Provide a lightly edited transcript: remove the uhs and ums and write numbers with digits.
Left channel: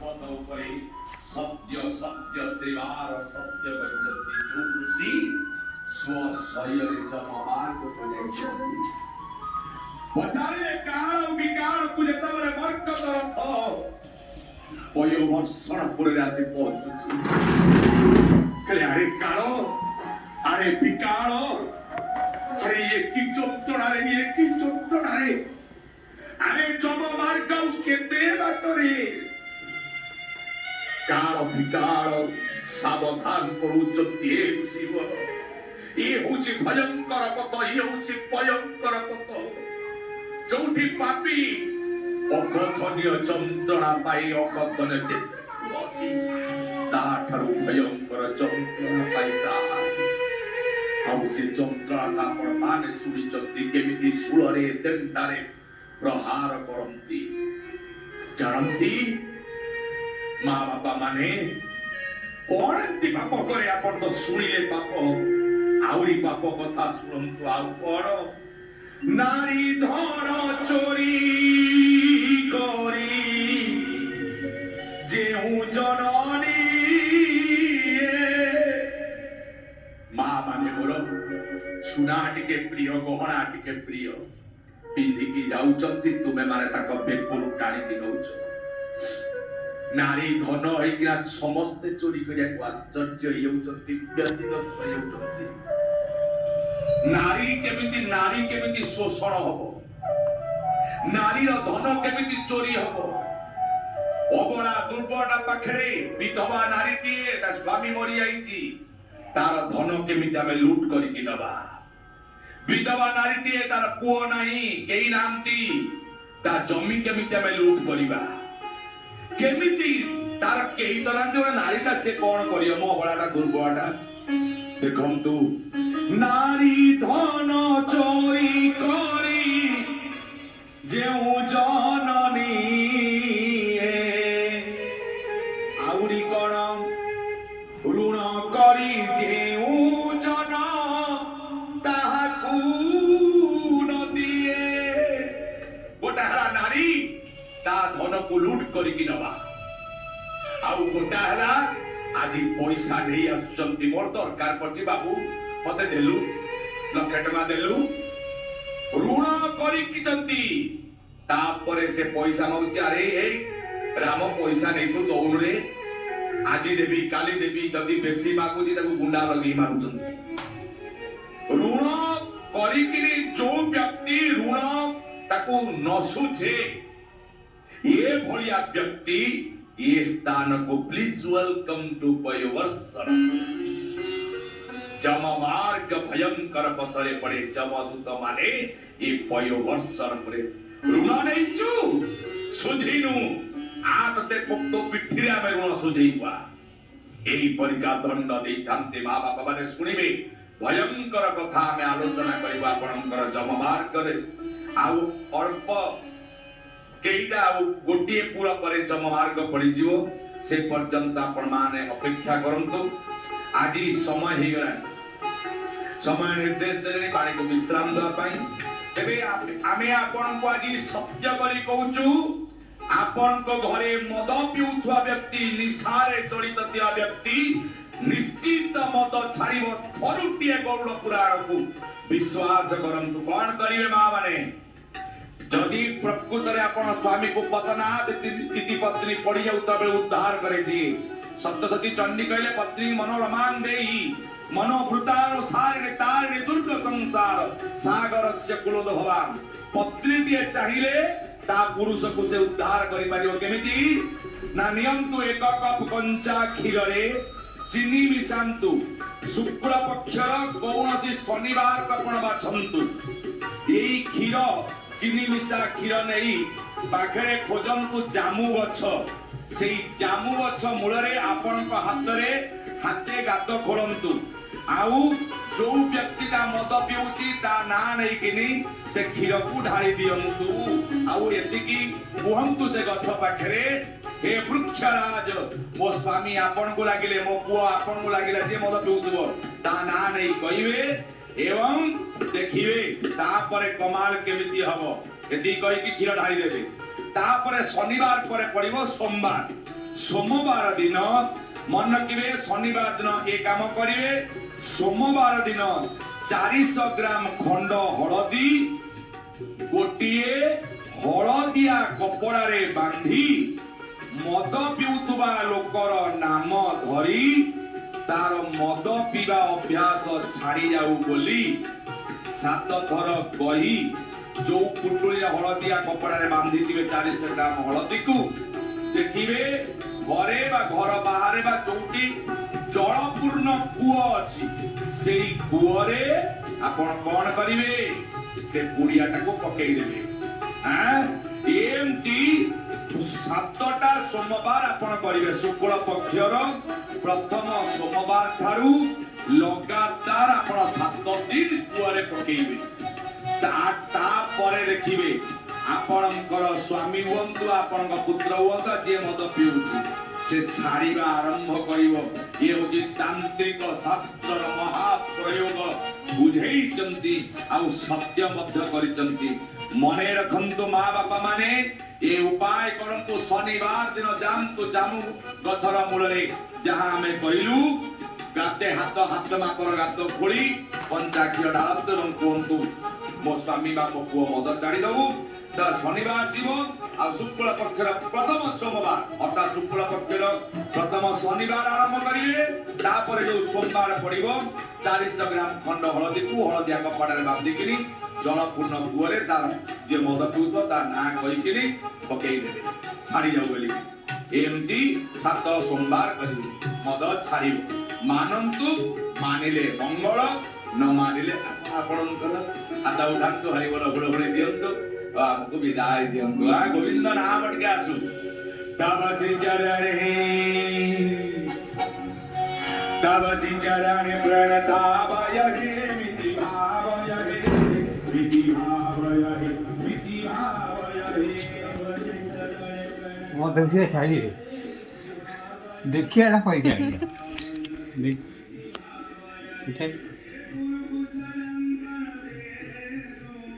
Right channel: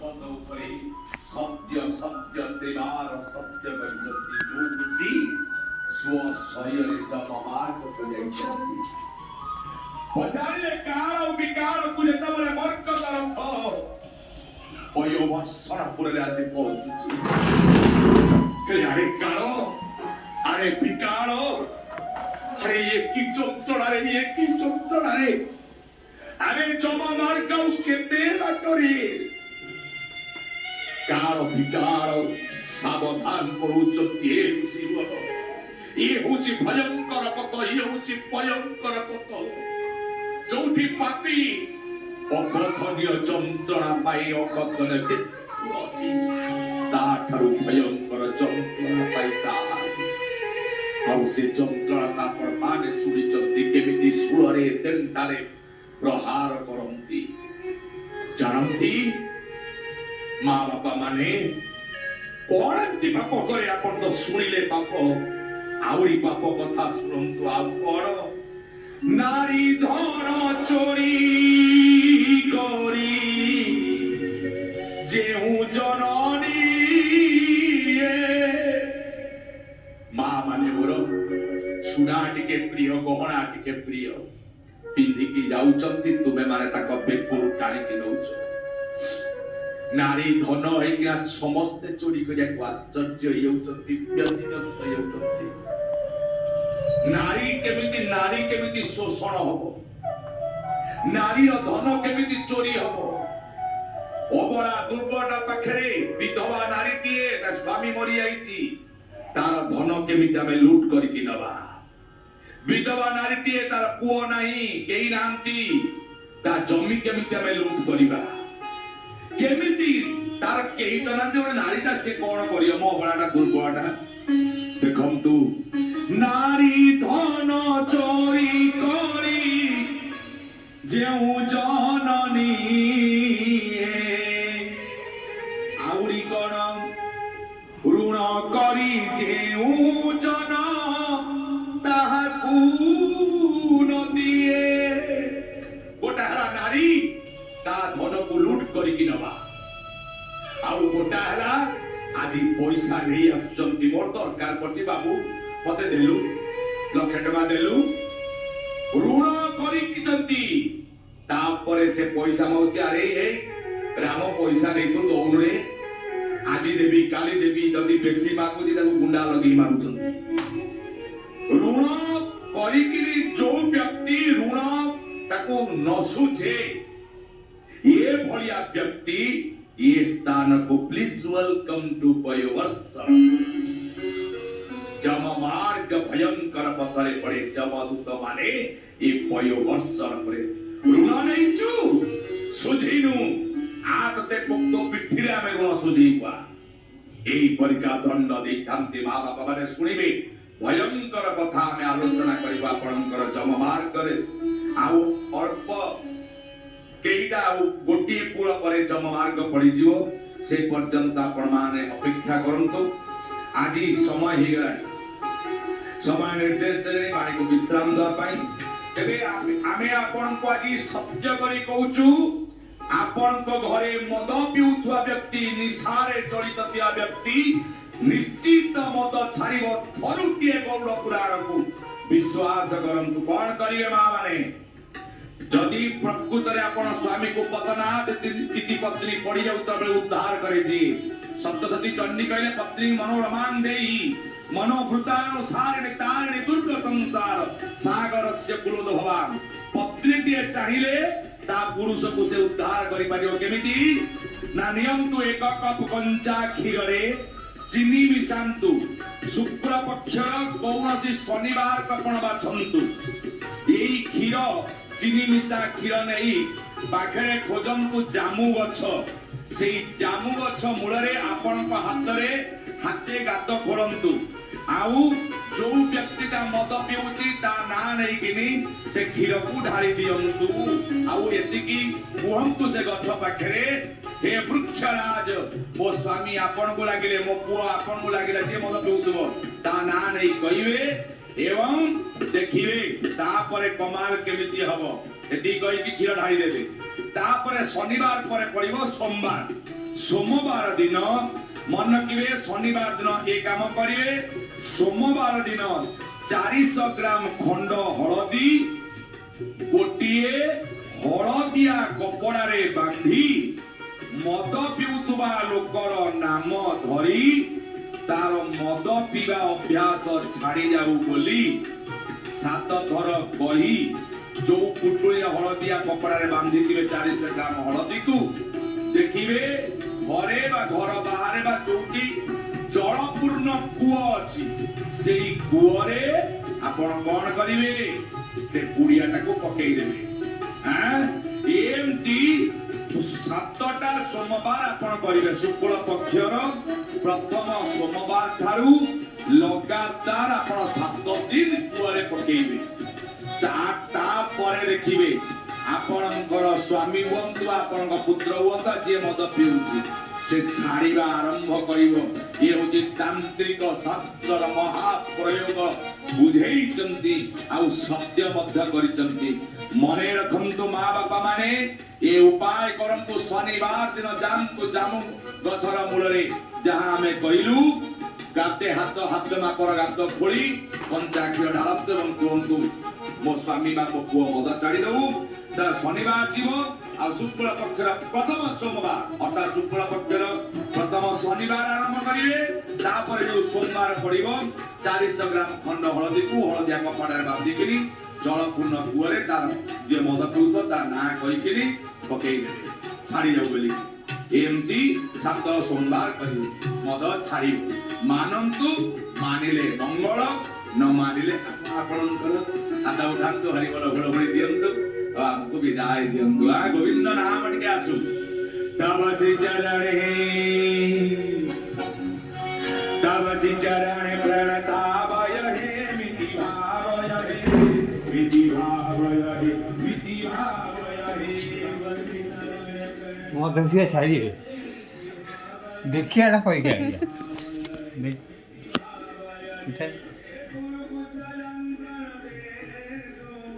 पद उपरे सत्य सत्य त्रिवार सत्य गरिसन्ति जो ऋषि स्व शरीरले जम मार्गको ल्याइसन्ति पछाडि काल विकालको जेतेबेले वर्ग तरफ पयोवर्षण पुरले आसी पहुँचुछि अरे काल अरे विकाल अरे ये की चोटड़ा रे अरे जम मार्ग केते बाटरे काल विकाल सावधान करूचंती हे शिव ये होची भयंकर पत ये होची भयंकर पत जोठी पापी अकथनीय जंत्रणा पाई अकथनीय चित्त ताठारु भयंकर जंत्रणा पाई ताहा आउ से जंत्रणा आपण माने सुनिचंती केमिति सुळरे देंटारे प्रहार करंती जानंती माँ बापा माने कौन एमती पाप करे आपण तो सुनिले पाप आउरी पाप कथा सुनंतु आउ कौन नारी धन चोरी करी जेहू जननी माँ माने मोर सुना टिके प्रिय गहना टिके प्रिय पिंधिकी जाउचंती तुमे माने ताको बेपुरु टाणिकी नउछ नारी धन होइकिना समस्ते चोरी करिया को आश्चर्य हेउचंती व्यतिग्रस्त हेउचंती नारी केमिति शोषण हबो नारी रो धन केमिति चोरी हबो अबला दुर्बला पाखरे विधवा नारी टिए ता स्वामी मरि आइची तार धन केमिति आमे लूट करिकि नबा विधवा नारी टिए तार पुओ नाही केही नांती ता जमी केमिति आमे लूट करिबा केमिति तार केही तो नांती ओने नारीटा से कोन करियो मो बळाटा दुर्बळाटा देखंतु नारी धन चोरी करी जेउ जननी आउरी कोन ऋण करी जेउ जन ताहाकू न दिए गोटा हला नारी ता धन को लूट करी कि नबा आउ गोटा हला आजी पैसा नहीं आसुचंती मोर दरकार पड़छि बाबू मते देलु लक्ष टका देलु ऋण करी किचंती तापरे से पैसा माउची अरे हे राम पैसा नहीं तू दउन रे आजी देवी काली देवी जदी बेसी मागुची ताकू गुंडा लगी मागुचंती ऋण करी किनी जो व्यक्ति ऋण ताकू न सुझे ये भलिया व्यक्ति ये स्थान को प्लीज वेलकम टू पयोवर्षण जम मार्ग भयंकर पथरे पड़े जमदूत माने ये पयोवर्षण करे ऋण नहीं चु सुझिनु आतते पुक्तो पिठिरे आमे ऋण सुझिबा एई परिका दंड देई तांते मां बापा माने सुनिबे भयंकर कथा आमे आलोचना करिबा आपनकर जम मार्ग करे आउ अल्प केईटा गोटे पूरा परे जम मार्ग पड़ी जीवो से पर्यंत आपण माने अपेक्षा करंतु आज समय हे गला समय निर्देश देले पानी को विश्राम दवा पाई तबे आमे आपण को आज सत्य करी कहूचु आपण को घरे मद पिउथवा व्यक्ति निसारे जड़ित थिया व्यक्ति निश्चित मद छाड़िबो थरुटिए गौड़ पुराण को विश्वास करंतु कोन करिए मां माने जदि प्रकृत रे आपण स्वामी को पतनाथ तिथि पत्नी पड़ी जाउ तबे उद्धार करे जी सप्तशती चंडी कहले पत्नी मनोरमान देई मनोभृतानो सारिणे तारिणे दुर्ग संसार सागरस्य कुलोद भवान पत्नी टिए चाहिए ता पुरुष को से उद्धार करि पारियो केमिति ना नियंतु एक कप कंचा क्षीर रे चीनी मिशांतु शुक्ल पक्षर कौनसी शनिवार कपण बाछंतु एई क्षीर चीनी मिशा क्षीर नहीं पाखरे खोजंतु जामु गछ से जामु गछ मूल रे आपण हाथ रे हाथे गात खोलंतु आउ जो व्यक्ति ता मद पिउची ता ना नहीं किनी से क्षीर को ढाली दियंतु आउ एतिकी कुहंतु से गछ पाखरे हे वृक्षराज मो स्वामी आपण को लागिले मो पुओ आपण को लागिला जे मद पिउतबो ता ना नहीं कहिवे एवं देखिए तापरे कमाल केमिति हबो एति कहि कि क्षीर ढाली देबे तापरे शनिवार परे पड़िबो सोमवार सोमवार दिन मन रखिए शनिवार दिन ये काम करिवे सोमवार दिन 400 ग्राम खंड हलदी गोटिए हलदिया कपड़ा रे बांधी मद पिउतुबा लोकर नाम धरी तार मद पीवा अभ्यास छाड़ी जाऊ बोली 7 थर कही जो पुटुलिया हलदिया कपड़ा रे बांधी 400 ग्राम हलदी को देखिए घरे बा घर बाहर बा जोटी जलपूर्ण कूଅ अछि से कूଅरे आपण कोन करिवे से पुड़ियाटा को पकई देबे एमटी 7टा सोमवार आपण करिवे शुक्ल पक्षर प्रथम सोमवार ठारू लगातार आपण 7 दिन कूଅरे पकेइबे ता परे देखिबे आपणकर स्वामी हुंतु आपण पुत्र हुंतु जे मद पिउची से छाड़ीबा आरंभ करिवो ये होची तांत्रिक शास्त्र महाप्रयोग बुझेइचंती आउ सत्य मध्य करिचंती मने रखंतु मां बापा माने ए उपाय करंतु शनिवार दिन जानतु जामु गछर मूलरे जहां हमें कहिलु गाते हाथ मापर गात खोली पंचाक्षर ढालत एवं कहतु मो स्वामी बाप पुओ मद छाड़ी दबु शनिवार जीव आ शुक्ल पक्षर प्रथम सोमवार अर्थात शुक्ल पक्षर प्रथम शनिवार आरंभ करिवे तापर जो सोमवार पड़िबो 400 ग्राम खंड हलदी को हलदिया कपड़ा रे बांधी किनी जलपूर्ण कूअरे तार जे मद पिउतो ता ना कहि किनी पकेई देबे छाड़ी जाऊ बोली एमती 7 सोमवार करिवे मद छाड़ी मानंतु मानिले मंगल न मानिले आपणकर आता उठांतु हरि बोल बोल बोल दियंतु आपको विदाई दियंतु आ गोविंद नाम टिके आसु तब से चरणे प्रणतावय हे मिति भावय हे मिति भावय हे मिति भावय हे वो देखिए सारी देखिए ना कोई क्या देख उठाई